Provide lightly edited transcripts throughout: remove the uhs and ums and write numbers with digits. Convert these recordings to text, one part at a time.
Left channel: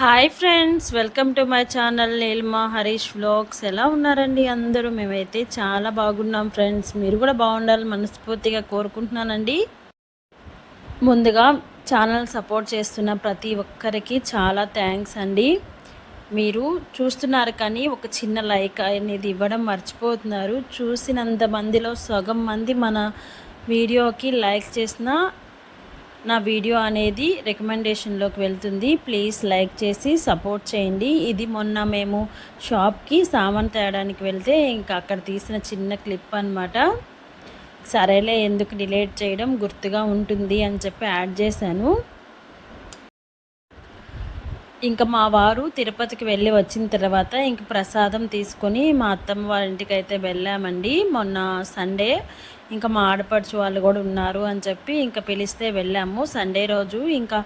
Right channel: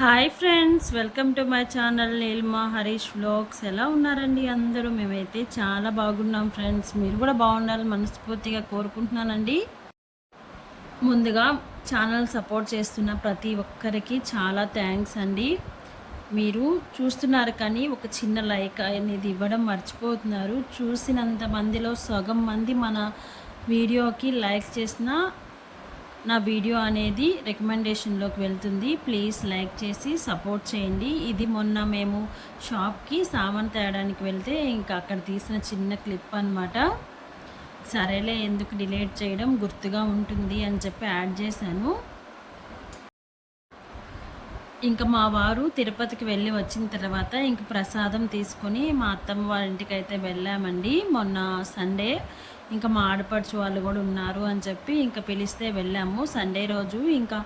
Hi friends, welcome to my channel Neelima Harish vlogs. ఎలా ఉన్నారండి అందరూ? మేమైతే చాలా బాగున్నాం ఫ్రెండ్స్. మీరు కూడా బాగుండాలని మనస్ఫూర్తిగా కోరుకుంటున్నానండి. ముందుగా ఛానల్ సపోర్ట్ చేస్తున్న ప్రతి ఒక్కరికి చాలా థ్యాంక్స్ అండి. మీరు చూస్తున్నారు కానీ ఒక చిన్న లైక్ అనేది ఇవ్వడం మర్చిపోతున్నారు. చూసినంత మందిలో సగం మంది మన వీడియోకి లైక్ చేసిన నా వీడియో అనేది రికమెండేషన్లోకి వెళ్తుంది. ప్లీజ్ లైక్ చేసి సపోర్ట్ చేయండి. ఇది మొన్న మేము షాప్కి సామాన్ తేయడానికి వెళ్తే ఇంకా అక్కడ తీసిన చిన్న క్లిప్ అనమాట. సరేలే ఎందుకు డిలీట్ చేయడం, గుర్తుగా ఉంటుంది అని చెప్పి యాడ్ చేశాను. ఇంకా మా వారు తిరుపతికి వెళ్ళి వచ్చిన తర్వాత ఇంక ప్రసాదం తీసుకొని మా అత్తమ్మ వాళ్ళ ఇంటికి అయితే వెళ్ళామండి. మొన్న సండే ఇంకా మా ఆడపడుచు వాళ్ళు కూడా ఉన్నారు అని చెప్పి ఇంకా పిలిస్తే వెళ్ళాము సండే రోజు. ఇంకా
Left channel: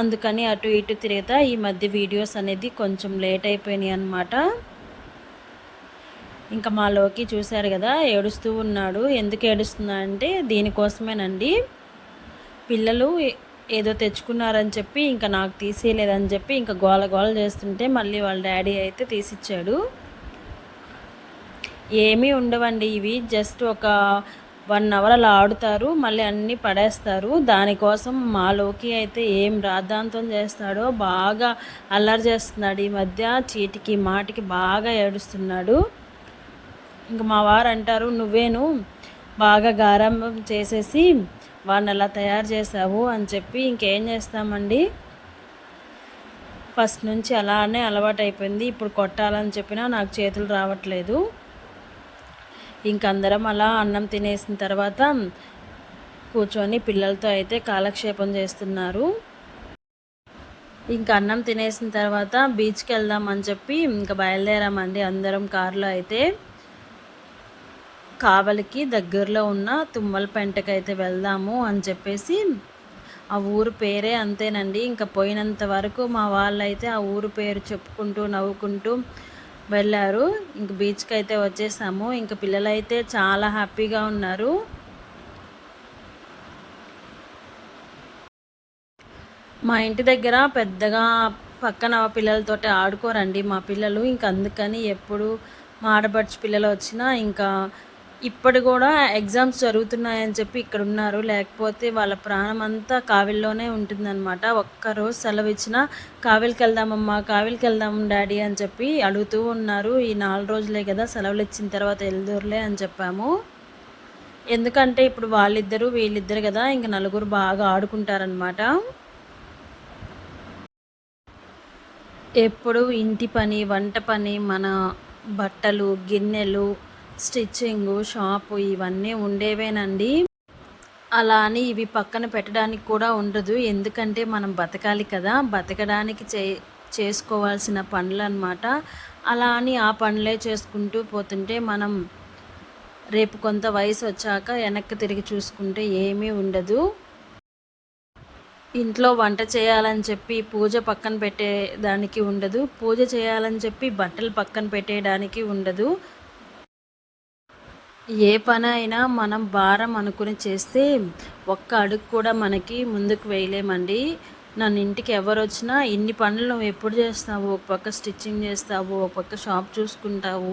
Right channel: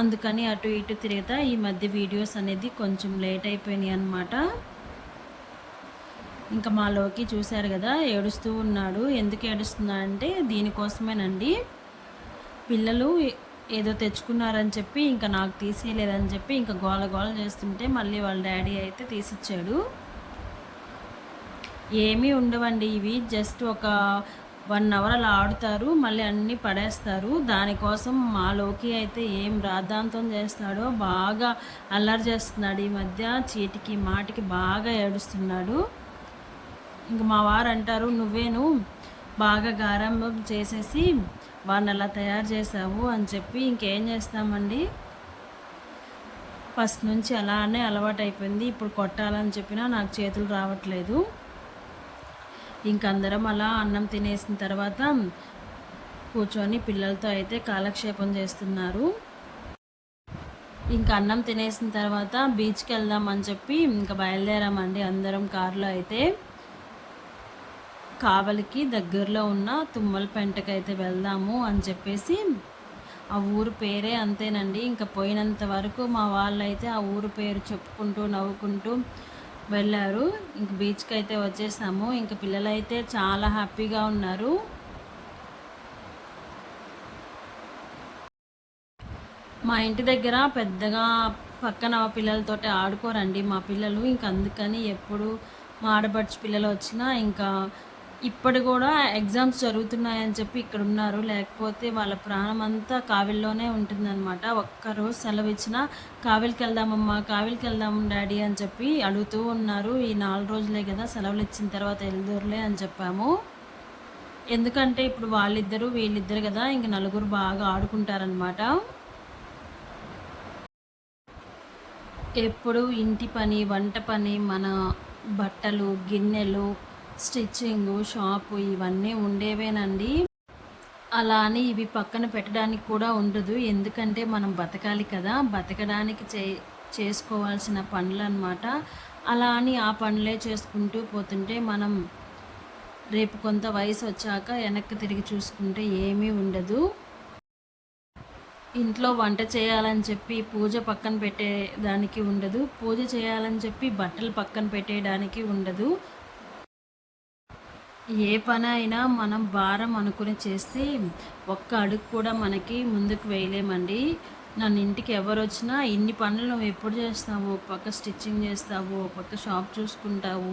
అందుకని అటు ఇటు తిరుగుతా ఈ మధ్య వీడియోస్ అనేది కొంచెం లేట్ అయిపోయినాయి అనమాట. ఇంకా మాలోకి చూశారు కదా, ఏడుస్తూ ఉన్నాడు. ఎందుకు ఏడుస్తున్నాడంటే దీనికోసమేనండి. పిల్లలు ఏదో తెచ్చుకున్నారని చెప్పి ఇంకా నాకు తీసేయలేదని చెప్పి ఇంకా గోల గోల చేస్తుంటే మళ్ళీ వాళ్ళ డాడీ అయితే తీసిచ్చాడు. ఏమీ ఉండవండి ఇవి, జస్ట్ ఒక 1 అవర్ అలా ఆడుతారు, మళ్ళీ అన్నీ పడేస్తారు. దానికోసం మాలోకి అయితే ఏం రాద్ధాంతం చేస్తాడో, బాగా అల్లరి చేస్తున్నాడు ఈ మధ్య. చీటికి మాటికి బాగా ఏడుస్తున్నాడు. ఇంకా మా వారు అంటారు, నువ్వేను బాగా గారం చేసేసి వాడిని అలా తయారు చేసావు అని చెప్పి. ఇంకేం చేస్తామండి, ఫస్ట్ నుంచి అలానే అలవాటు అయిపోయింది. ఇప్పుడు కొట్టాలని చెప్పినా నాకు చేతులు రావట్లేదు. ఇంకందరం అలా అన్నం తినేసిన తర్వాత కూర్చొని పిల్లలతో అయితే కాలక్షేపం చేస్తున్నారు. ఇంకా అన్నం తినేసిన తర్వాత బీచ్కి వెళ్దామని చెప్పి ఇంకా బయలుదేరామండి అందరం కారులో. అయితే కావలికి దగ్గరలో ఉన్న తుమ్మలపెంటకి అయితే వెళ్దాము అని చెప్పేసి, ఆ ఊరు పేరే అంతేనండి. ఇంకా పోయినంత వరకు మా వాళ్ళైతే ఆ ఊరు పేరు చెప్పుకుంటూ నవ్వుకుంటూ వెళ్ళారు. ఇంక బీచ్కి అయితే వచ్చేసాము. ఇంకా పిల్లలైతే చాలా హ్యాపీగా ఉన్నారు. మా ఇంటి దగ్గర పెద్దగా పక్కన పిల్లలతోటి ఆడుకోరండి మా పిల్లలు. ఇంక అందుకని ఎప్పుడు మా ఆడపడుచు పిల్లలు వచ్చినా ఇంకా ఇప్పుడు కూడా ఎగ్జామ్స్ జరుగుతున్నాయని చెప్పి ఇక్కడ ఉన్నారు. లేకపోతే వాళ్ళ ప్రాణం అంతా కావిల్లోనే ఉంటుందన్నమాట. ఒక్కరోజు సెలవు ఇచ్చినా కావిలికి వెళ్దామమ్మా, కావిలికి వెళ్దాం డాడీ అని చెప్పి అడుగుతూ ఉన్నారు. ఈ 4 రోజులే కదా, సెలవులు ఇచ్చిన తర్వాత వెళ్దూరులే అని చెప్పాము. ఎందుకంటే ఇప్పుడు వాళ్ళిద్దరు వీళ్ళిద్దరు కదా, ఇంక నలుగురు బాగా ఆడుకుంటారనమాట. ఎప్పుడు ఇంటి పని, వంట పని, మన బట్టలు, గిన్నెలు, స్టిచ్చింగు, షాపు ఇవన్నీ ఉండేవేనండి. అలా అని ఇవి పక్కన పెట్టడానికి కూడా ఉండదు. ఎందుకంటే మనం బతకాలి కదా, బతకడానికి చేసుకోవాల్సిన పనులు అన్నమాట. అలా అని ఆ పనులే చేసుకుంటూ పోతుంటే మనం రేపు కొంత వయసు వచ్చాక వెనక్కి తిరిగి చూసుకుంటే ఏమీ ఉండదు. ఇంట్లో వంట చేయాలని చెప్పి పూజ పక్కన పెట్టేదానికి ఉండదు, పూజ చేయాలని చెప్పి బట్టలు పక్కన పెట్టేయడానికి ఉండదు. ఏ పని అయినా మనం భారం అనుకుని చేస్తే ఒక్క అడుగు కూడా మనకి ముందుకు వేయలేమండి. నన్ను ఇంటికి ఎవరు వచ్చినా ఇన్ని పనులు నువ్వు ఎప్పుడు చేస్తావు, ఒక పక్క స్టిచ్చింగ్ చేస్తావు, ఒక పక్క షాప్ చూసుకుంటావు,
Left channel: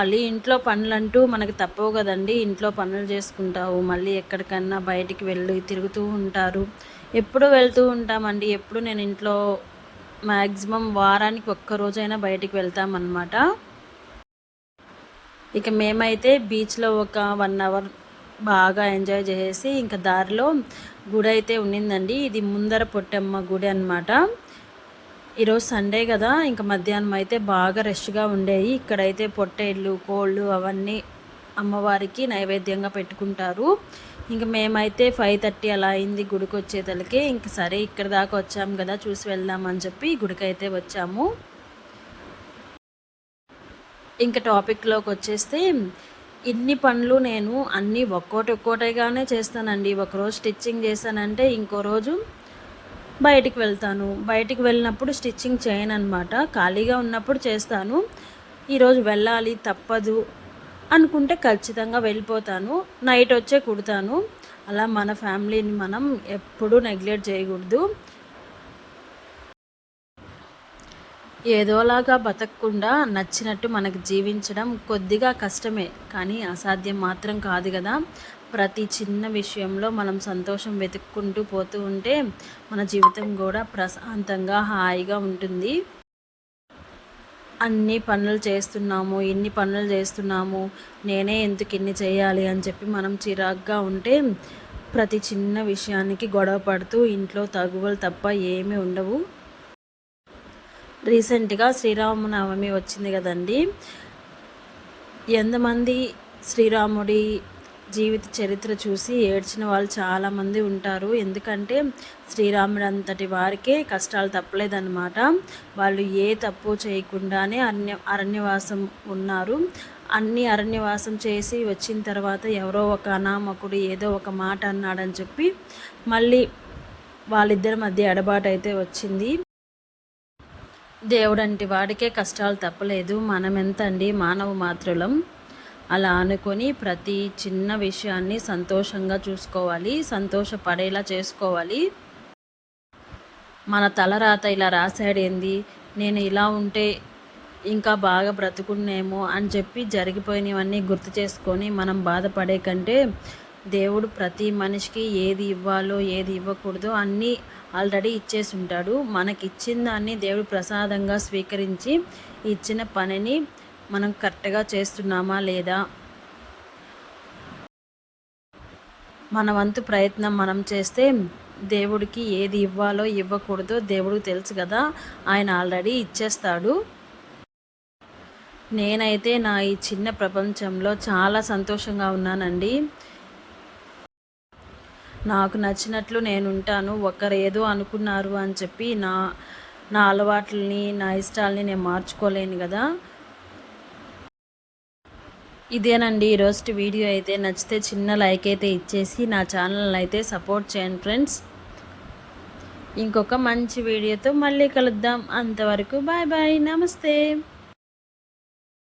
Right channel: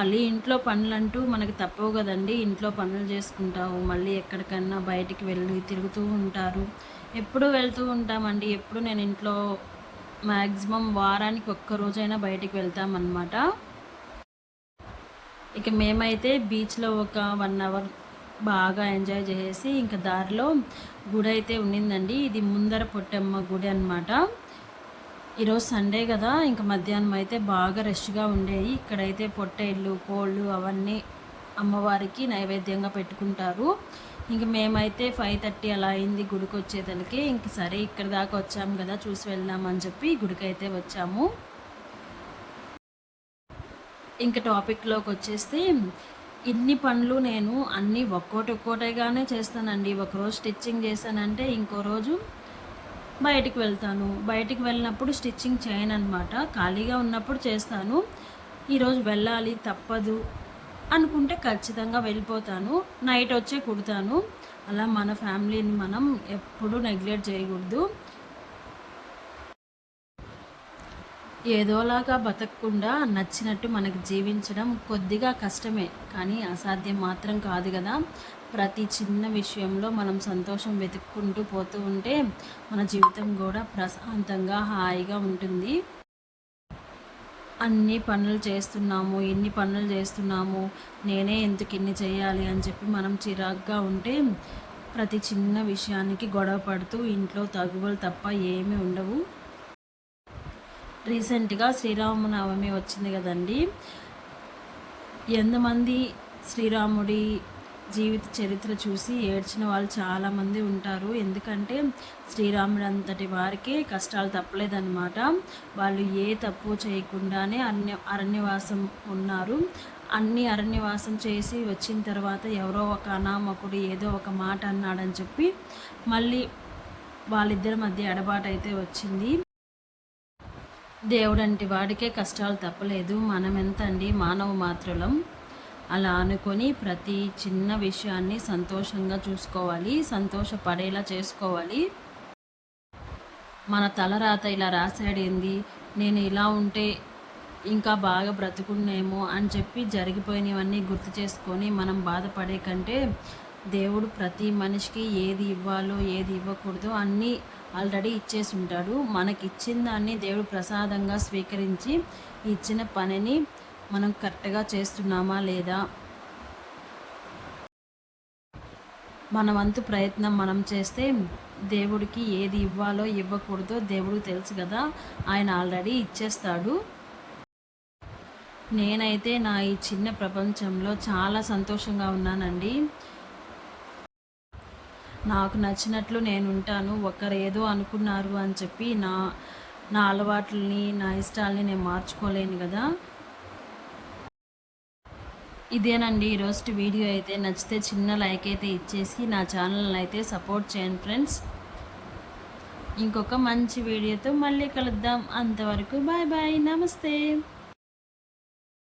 మళ్ళీ ఇంట్లో పనులు అంటూ మనకు తప్పవు కదండి. ఇంట్లో పనులు చేసుకుంటావు, మళ్ళీ ఎక్కడికన్నా బయటికి వెళ్ళి తిరుగుతూ ఉంటారు. ఎప్పుడు వెళ్తూ ఉంటామండి. ఎప్పుడు నేను ఇంట్లో మ్యాక్సిమం వారానికి ఒక్కరోజైనా బయటికి వెళ్తామన్నమాట. ఇక మేమైతే బీచ్లో ఒక 1 అవర్ బాగా ఎంజాయ్ చేసేసి ఇంకా దారిలో గుడి అయితే ఉండిందండి. ఇది ముందర పొట్టమ్మ గుడి అనమాట. ఈరోజు సండే కదా, ఇంకా మధ్యాహ్నం అయితే బాగా రష్గా ఉండేవి. ఇక్కడైతే పొట్టేళ్ళు, కోళ్ళు అవన్నీ అమ్మవారికి నైవేద్యంగా పెట్టుకుంటారు. ఇంక మేమైతే 5:30 అలా అయింది గుడికి వచ్చేతలకి. ఇంక సరే ఇక్కడ దాకా వచ్చాము కదా, చూసి వెళ్దామని చెప్పి గుడికి అయితే వచ్చాము. ఇంకా టాపిక్లోకి వచ్చేస్తే, ఇన్ని పనులు నేను అన్నీ ఒక్కోటిగానే చేస్తానండి. ఒకరోజు స్టిచ్చింగ్ చేశానంటే ఇంకో రోజు బయటికి వెళ్తాను. బయటికి వెళ్ళినప్పుడు స్టిచ్చింగ్ చేయను అనమాట, ఖాళీగా ఉన్నప్పుడు చేస్తాను. ఈరోజు వెళ్ళాలి తప్పదు అనుకుంటే ఖచ్చితంగా వెళ్ళిపోతాను. నైట్ వచ్చే కుడతాను. అలా మన ఫ్యామిలీని మనం ఎప్పుడూ నెగ్లెక్ట్ చేయకూడదు. ఏదోలాగా బతకకుండా నచ్చినట్టు మనకు జీవించడం కొద్దిగా కష్టమే, కానీ అసాధ్యం మాత్రం కాదు కదా. ప్రతి చిన్న విషయంలో మనం సంతోషం వెతుక్కుంటూ పోతూ ఉంటే మన జీవితం కూడా ప్రశాంతంగా హాయిగా ఉంటుంది. అన్ని పనులు చేస్తున్నాము, ఇన్ని పనులు చేస్తున్నాము, నేనే ఎందుకు ఇన్ని చేయాలి అని చెప్పి మనం చిరాగ్గా ఉంటే ప్రతి చిన్న విషయానికి గొడవ పడుతూ ఇంట్లో తగువలు తప్ప ఏమీ ఉండవు. రీసెంట్గా శ్రీరామనవమి వచ్చింది కదండి. ఎంతమంది శ్రీరాముడి జీవిత చరిత్ర చూసి ఏడ్చిన వాళ్ళు చాలామంది ఉంటారు. ఎందుకంటే శ్రీరాముడు అంతటి వారికే కష్టాలు తప్పలేదన్నమాట. వాళ్ళు ఏ తప్పు చేయకుండానే అరణ్యవాసం ఉన్నారు. అన్ని అరణ్యవాసం చేసి వచ్చిన తర్వాత ఎవరో ఒక అనామకుడు ఏదో ఒక మాట అన్నాడని చెప్పి మళ్ళీ వాళ్ళిద్దరి మధ్య ఎడబాటు అయితే వచ్చింది. దేవుడంటి వాడికే కష్టాలు తప్పలేదు, మనం ఎంత అండి మానవ మాత్రులం. అలా అనుకొని ప్రతి చిన్న విషయాన్ని సంతోషంగా చూసుకోవాలి, సంతోషపడేలా చేసుకోవాలి. మన తలరాత ఇలా రాశాడేంది, నేను ఇలా ఉంటే ఇంకా బాగా బ్రతుకున్నేమో అని చెప్పి జరిగిపోయినవన్నీ గుర్తు చేసుకొని మనం బాధపడే కంటే దేవుడు ప్రతి మనిషికి ఏది ఇవ్వాలో ఏది ఇవ్వకూడదో అన్నీ ఆల్రెడీ ఇచ్చేసి ఉంటాడు. మనకి ఇచ్చిన దాన్ని దేవుడు ప్రసాదంగా స్వీకరించి ఇచ్చిన పనిని మనం కరెక్ట్గా చేస్తున్నామా లేదా, మన వంతు ప్రయత్నం మనం చేస్తే దేవుడికి ఏది ఇవ్వాలో ఇవ్వకూడదో దేవుడికి తెలుసు కదా, ఆయన ఆల్రెడీ ఇచ్చేస్తాడు. నేనైతే నా ఈ చిన్న ప్రపంచంలో చాలా సంతోషంగా ఉన్నానండి. నాకు నచ్చినట్లు నేను ఉంటాను. ఒకరు ఏదో అనుకున్నారు అని చెప్పి నా నా అలవాట్లని నా ఇష్టాలని నేను మార్చుకోలేను కదా. ఇదేనండి ఈరోజు వీడియో. అయితే నచ్చితే చిన్న లైక్ అయితే ఇచ్చేసి నా ఛానల్ని అయితే సపోర్ట్ చేయండి ఫ్రెండ్స్. ఇంకొక మంచి వీడియోతో మళ్ళీ కలుద్దాం. అంతవరకు బాయ్ బాయ్, నమస్తే.